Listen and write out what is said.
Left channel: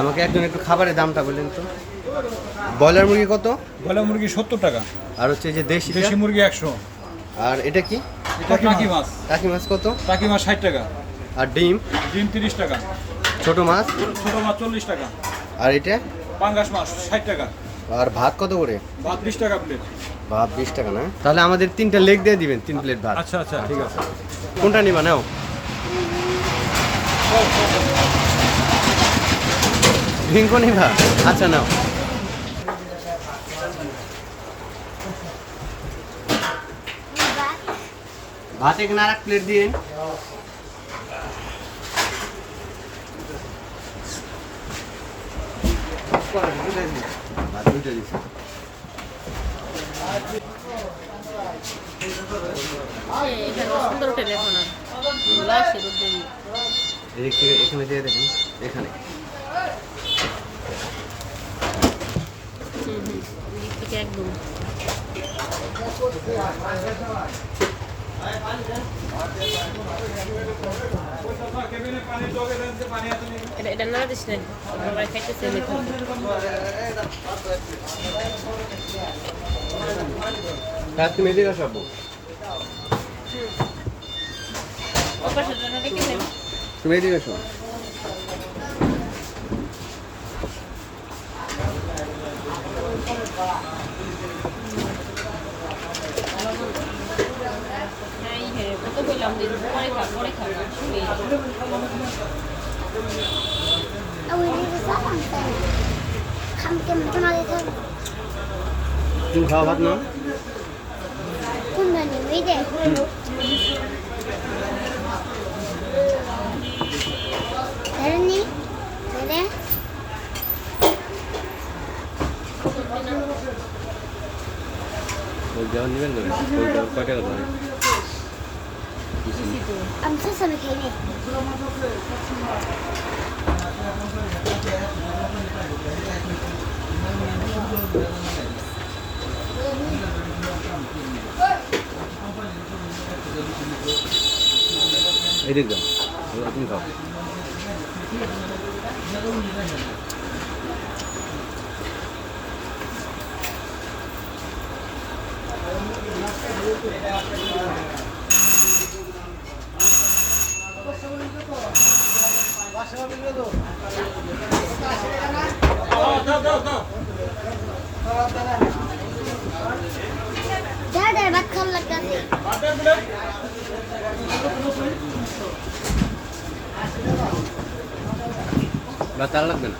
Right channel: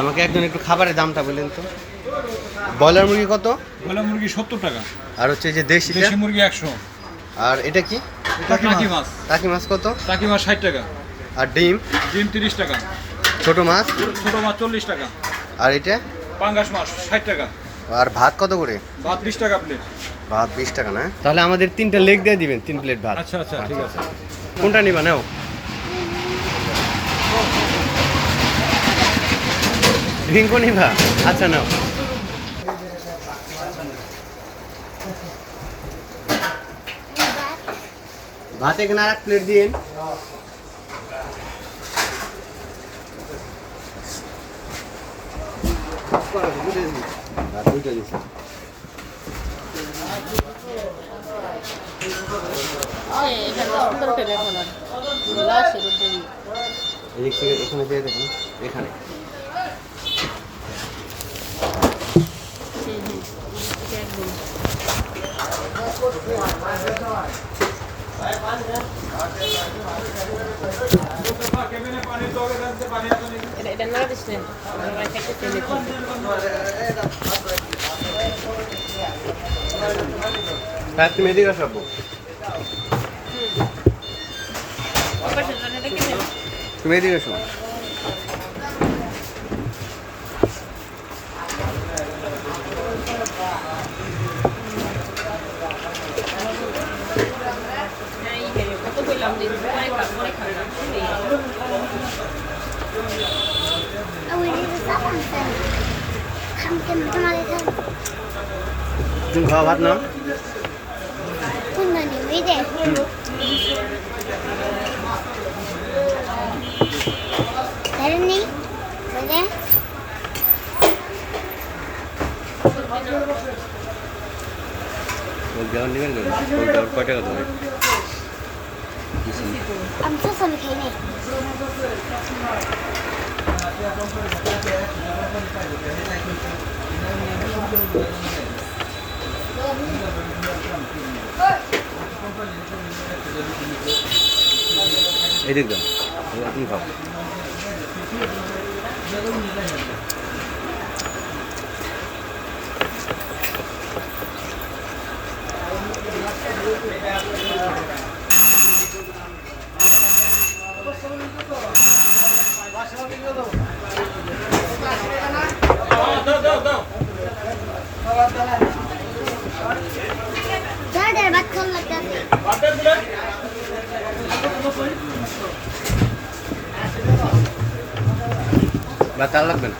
আমাকে একজন একটু খাবারের দামটা বলেন তো। ব্রয়লার মুরগি কত? ব্রয়লার মুরগি 70 টাকা। আর হচ্ছে যে দেশি মুরগি 100। আর এটা কি? টাকি মাছ। টাকি মাছ কত? টাকি মাছ 60 টাকা। আর ডিম? ডিম 30 টাকা। ছোট মাছ? ছোট মাছ 40 টাকা। আর এটা? পাঙ্গাস মাছ 60 টাকা। আর ভাত কত করে? ভাত 20 টাকা প্লেট। ভাত 20 টাকা না? তাহলে আমাদের 3টা লেগ দিয়ে দিবেন, 3 প্লেট ভাত। আচ্ছা আচ্ছা ঠিক আছে। কোনটা নিবা নাও? ড্রিঙ্কও নিবা? আচ্ছা নাও। ভাত এখানে আর 1 প্লেট দিন। ভাত 2টা দিছি। এদিক থেকে এখানে দিয়ে দেখুন, এখানে তুমি এদিকে আসো। তুমি এদিকে আসো। তুমি খাওয়া ভাত না? কয় টাকা দেবে? I'm so sorry, Kenny. এদিক দাও, তুমি খাও। Dad, ba't kang nagdati? Batal লাগবে না?